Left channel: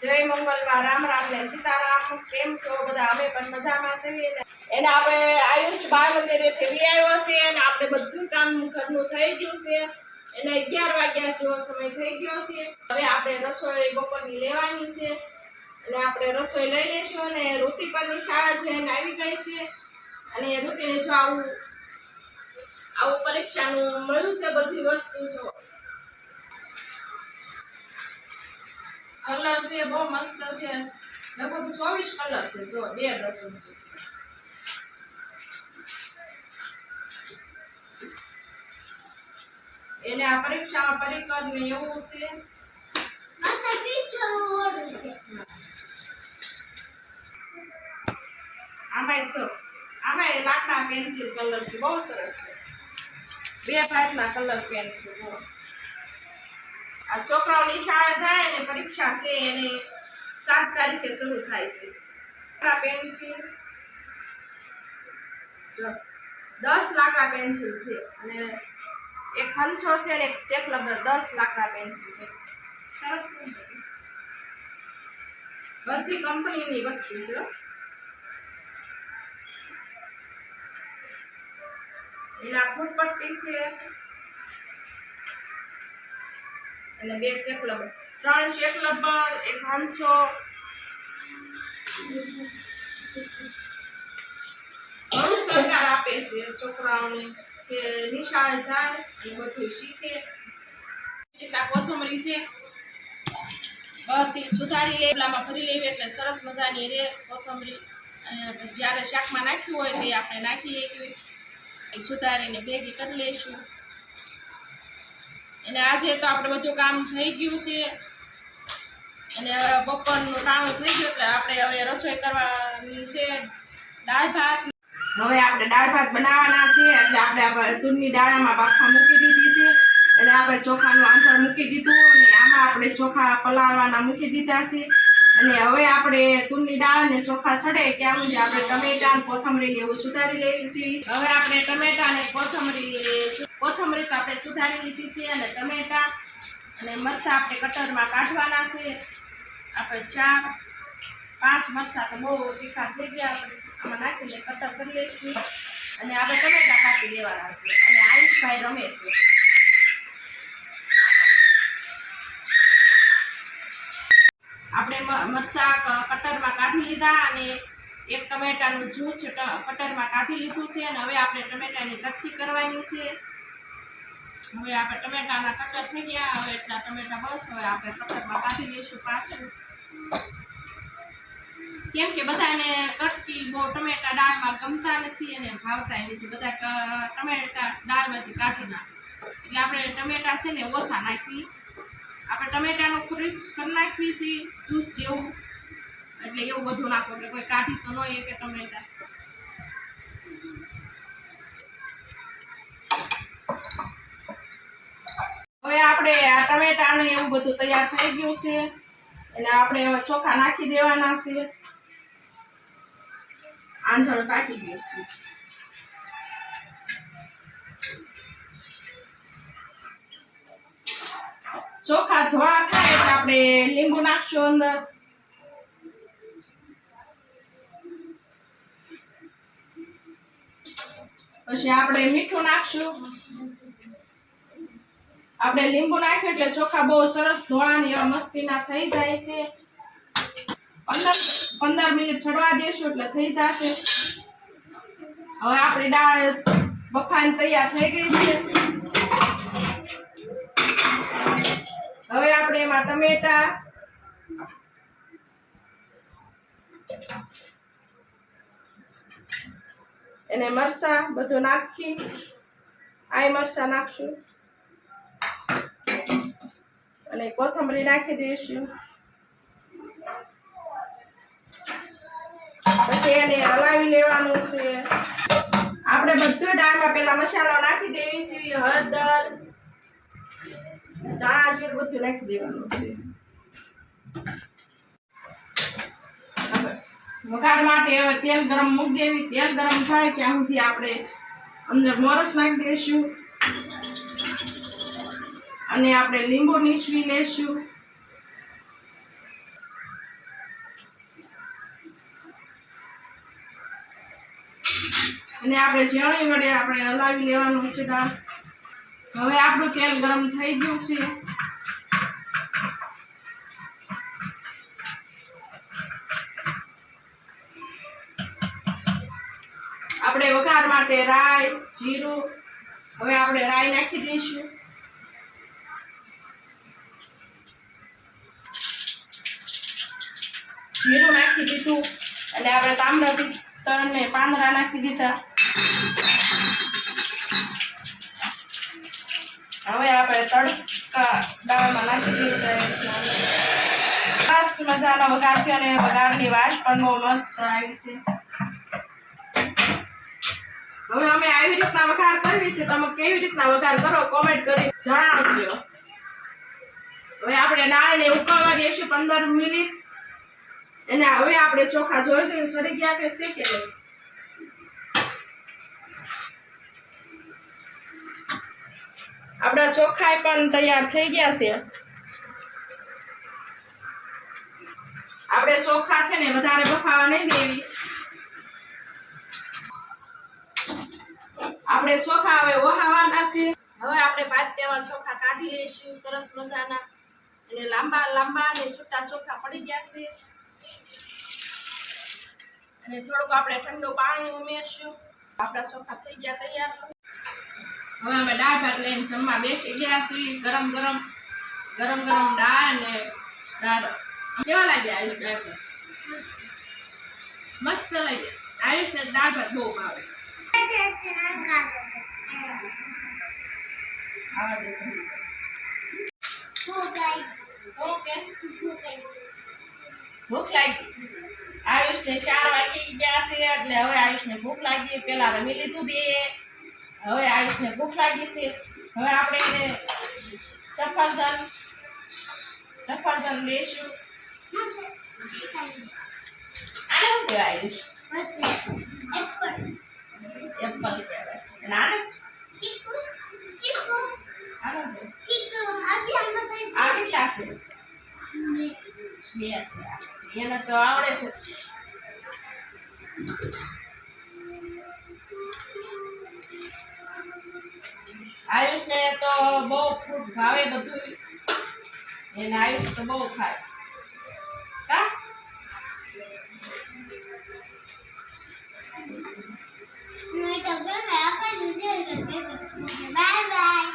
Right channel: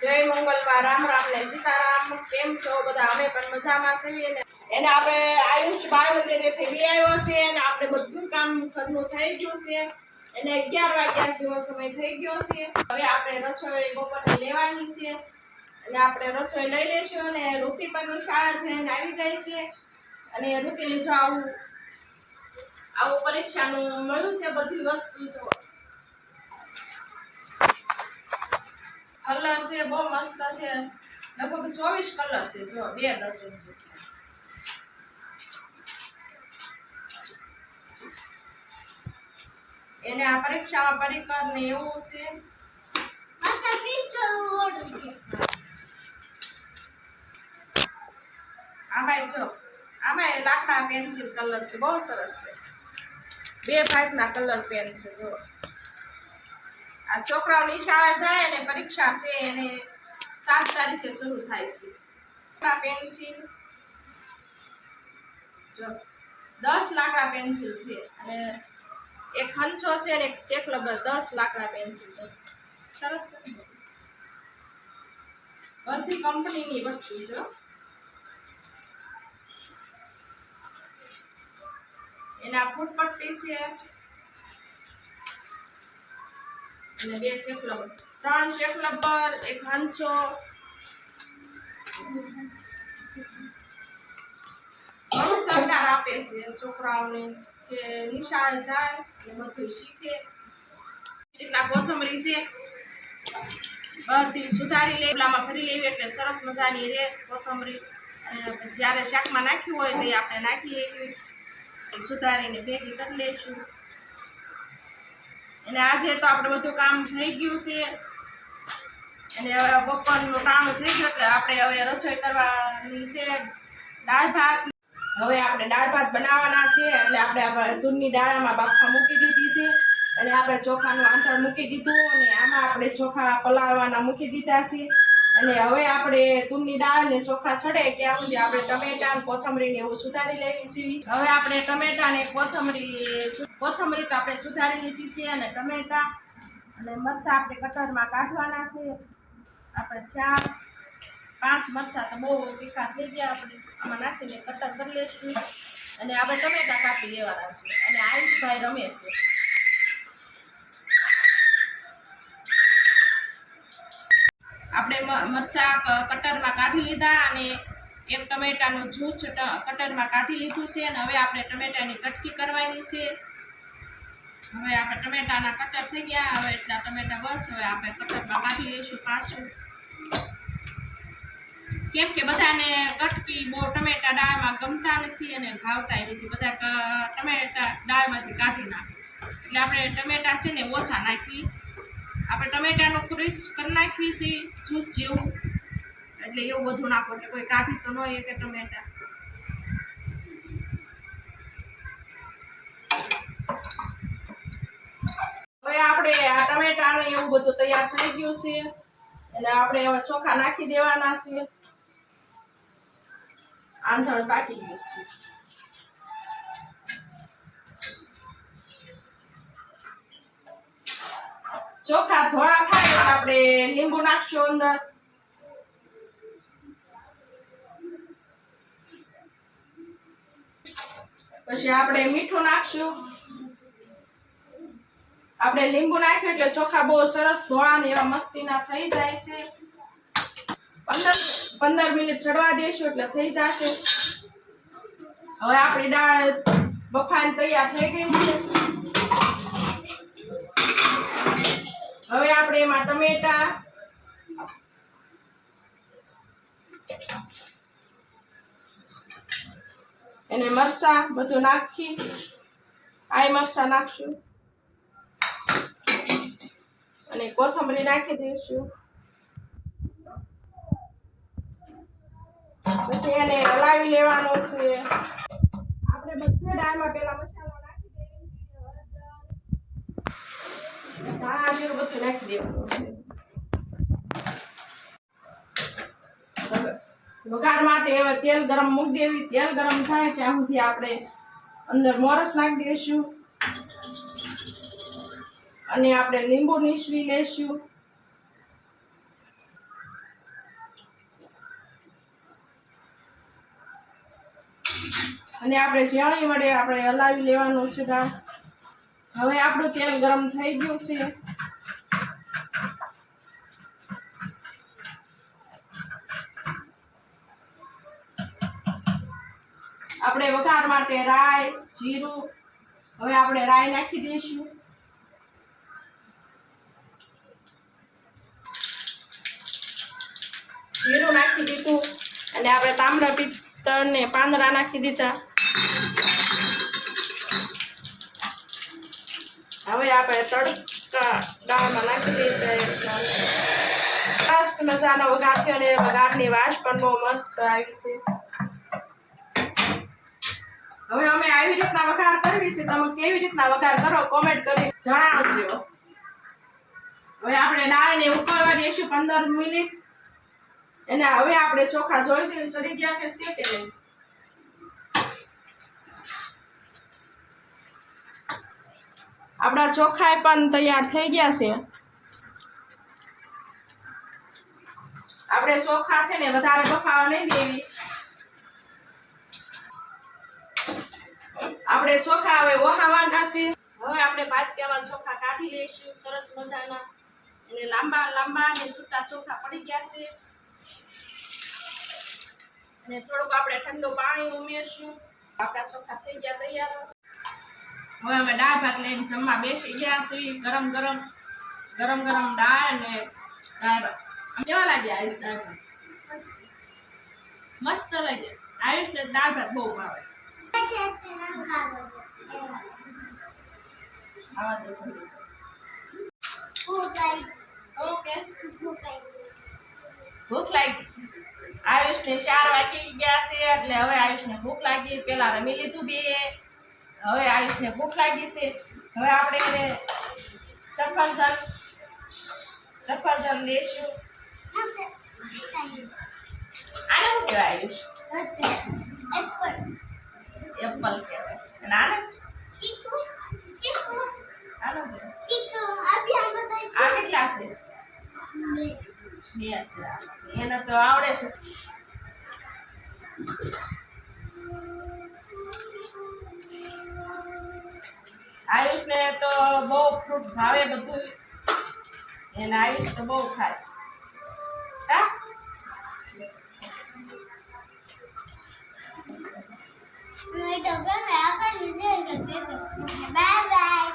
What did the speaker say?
જય મંગલમાં રામ રામ ને સીતારામ. કેમ છો બધા? અમે પણ મજામાં છીએ ને. એને આપણે આયુષ બાળ મંદિરેથી લઈ આવ્યો છે અને આપણે બધું કામ ઘરનું થઈ ગયું છે. એને 11 વાગ્યા જેવો સમય થઈ ગયો છે. હવે આપણે રસોઈ બપોરની લેવાની છે અને આપણે રસોઈ લઈ લઈશું. અને ઋતિ પરની શાળા જઈને આવી ગઈ છે અને ઋતિને જો આવું પરીક્ષાનું મળ્યું છે. બધી વસ્તુ જો કલર છે, બહુ મસ્ત છે. લગભગ 24 કલર છે. જો 2 ડઝન છે. એને આ પરીક્ષામાં પરિકર ને એવું છે. આમાં લાકડા પેન્સિલ કલર છે, બહુ સરસ છે. 2 ટાઈપના કલર પેન છે. જો આ છોકરાઓની શાળા જાય ને પરીક્ષા છે એને 7 તારીખે શરૂ થાય છે. પેન્સિલ જો 10 લાકડા પેન્સિલ છે અને એક હંચો છે ને એક ચેક રબર. 10 લાકડા પેન્સિલ છે. સરસ છે. બધી કંપનીની વસ્તુ છે. એના ફૂટપટ્ટી છે અને 2 ચેક રબર, 3 ચેક રબર, એક હંચો. ઘણું સરકાર આપે છે છોકરાઓને કે નિશાળે જાય એ બધું શીખે. એટલા કોથમરી છે બધી સુધારી લે, પેલામાં ભરી લેવી એટલે સરસ મજાની રે કોથમરી. જ્યારે શાકમાં નાખ્યું હોય તો આપણે નાખીએ સુધારીને ભેગી કરી લઈશું. અને આજે તો આપણે બધું કામ થઈ ગયું છે અને હવે બપોરનું ટાણું થઈ ગયું એટલે આપણે હવે રસોઈ કરવાની છે. દાળ ભાત. હવે આપણે દાળ ભાત બનાવવાના છે એટલે આપણે તુરની દાળમાં બાફા મૂકી દીધી છે અને આપણે ચોખાનું આંતર મૂકી દીધું અને આમાં આપણે ચોખા પલાળવાના મૂકી દીધા છે. અને હવે આપણે તુરની દાળ ને ચોખા છડે ત્યાં સુધી આપણે ટમેટા અને કોથમરીને એવું સુધારી લેવી છીએ. હવે આપણે ટમેટા ને કોથમરી તો આપણે સુધારી લીધી છે અને ટમેટા અને મરચાં આપણે કટરમાં કાઢવાના છે. આપણે 4-5 મરચાં તો બહુ તીખા થઈ ગયા. આપણે આમાં નાખીને કટર કરી લઈશું અને આપણે ટમેટા કાપી લેવાના છે. અને આયુષભાઈ રમે છે. આપણે મરચાં કટરમાં કાઢી લીધા અને એક ટમેટાનું જ્યુસ કટરમાં કાઢી લીધું છે અને હવે આપણે ટમેટાની કટકી કરવાની છે. હવે આપણે ટમેટાના કટર થઈ ગયા. હવે એટલા ટમેટા બસ. હવે આપણે કટરમાં કાઢી લઈશું પાછું. કેમ કે બધાને કટકી બહુ ટમેટા દાળમાં ગમતા નથી અને ભાવતા નથી. બધા ટમેટા દાળમાંથી કાઢી નાખે એટલે આપણે ટમેટા છે ને ઓછા નાખવી. આપણે ટમેટાનું ક્રિશ કરી નાખવી છે જ્યુસ જેવું. એટલે એવું બધું નાખો એટલે કોઈ કાઢી તો ન કે ટમેટા. હવે આપણે આ ટમેટાનું એવું બધું તૈયાર થઈ ગયું છે એટલે આપણે હવે ચોખા નાખી દેવાના છે. આંધણ પાકી ગયું છે. ચોખા ધોળા થાય એટલે આપણે લીંબુ નાખશું અંદર. પછી આપણે મીઠું નાખશું. આપણે લીંબુ નાખ્યું એટલે ચોખા બહુ સરસ ધોળા ને એવા મસ્તીના થઈ જાય છે. 15 મિનિટ ચડવા દેશું એટલે થઈ જશે. હવે આપણી દાળ બફાઈને તૈયાર થઈ ગઈ છે. હવે આપણે એમાં ટમેટા અને મરચાં બધું નાખી મરચાં નાખશું અને કોથમરી નાખી દઈશું. પછી એને હલાવી લેવાનું છે. આપણે બધું દાળમાં પેલા મસાલો નાખી દેવી છે. હળદર, ધાણા જીરું બધું નાખી દેવાનું છે. વઘાર માટે હવે તેલ ગરમ મૂકી દેવી. તેલ ગરમ થાય ત્યાં સુધી આપણે અંદર મોરસ નાખી દઈશું અને આપણે લીંબુ નીસવી લઈશું. અને આપણે ઝીણી વડે આપણે હલાવી લેવાનું છે દાળ. હવે આપણું તેલ ગરમ થઈ ગયું છે. આપણે વઘાર માટે રાઈ, જીરું, હવે આપણે રાઈ નાખી દઈશું. જીરું નાખી દીધું અને આપણે તાંબડા પિત્તળ ને પાંદડા નાખી દીધા. હવે આપણે તડકા દાળમાં નાખી દઈશું. સરસ મજાનો વઘાર થયો અને વઘારની વાસ પણ બહુ મસ્ત આવી છે. હવે અમે આવી રીતના વઘાર કરવી છે. તમે કેવી રીતના વઘાર કરો કોમેન્ટ કરી જણાવજો. હવે આપણે દાળને ઉકળવા દઈશું 15 મિનિટ. અને હવે આપણે ચોખા જોઈશું સડી ગયા કે છે કે નહીં. આપણા ચોખા પણ તૈયાર થઈ ગયા છે. આપણે ચોખા છે ને વધારે બફાવા નહીં દેવી. આપણે ચોખા હવે ઓહાવાના છે. હવે આપણે પાત્યામાં ચોખા કાઢી લઈશું સરસ મજાના. અને લાંબા લાંબા અને છૂટા ચોખા પડી ગયા છે. અને થોડુંક આપણે ઠંડુ પાણી ઉમેરશું. આપણા ચોખા થઈ ગયા તૈયાર. હવે અમે દાળ ભાત લઈને જમવા બેસી ગયા છીએ. ગરમ ગરમ દાળ અને દાળ કેવા લાગ્યા આયુષ દાળ ભાત? મસ્ત લાગ્યા. આયુષને દાળ ભાત બહુ ભાવે. ઓકે ભૂખ લાગી. આયુષને 4 વાગી ગયા છે એટલે હવે આયુષને ભૂખ લાગી. પેલા રમી લીધું બે. હવે આયુષને ભૂખ લાગી છે. હવે આપણે એને સફરજન લઈશું. આને શું કહેવાય આયુષ? એપલ કહેવાય. અને આને આ કેટલા છે? 2 છે. એને તો આવડે છે. આયુષને તો બહુ ફ્રૂટ ભાવે બધું. એને આયુષ તો બહુ ખાય. હા બાય બાય.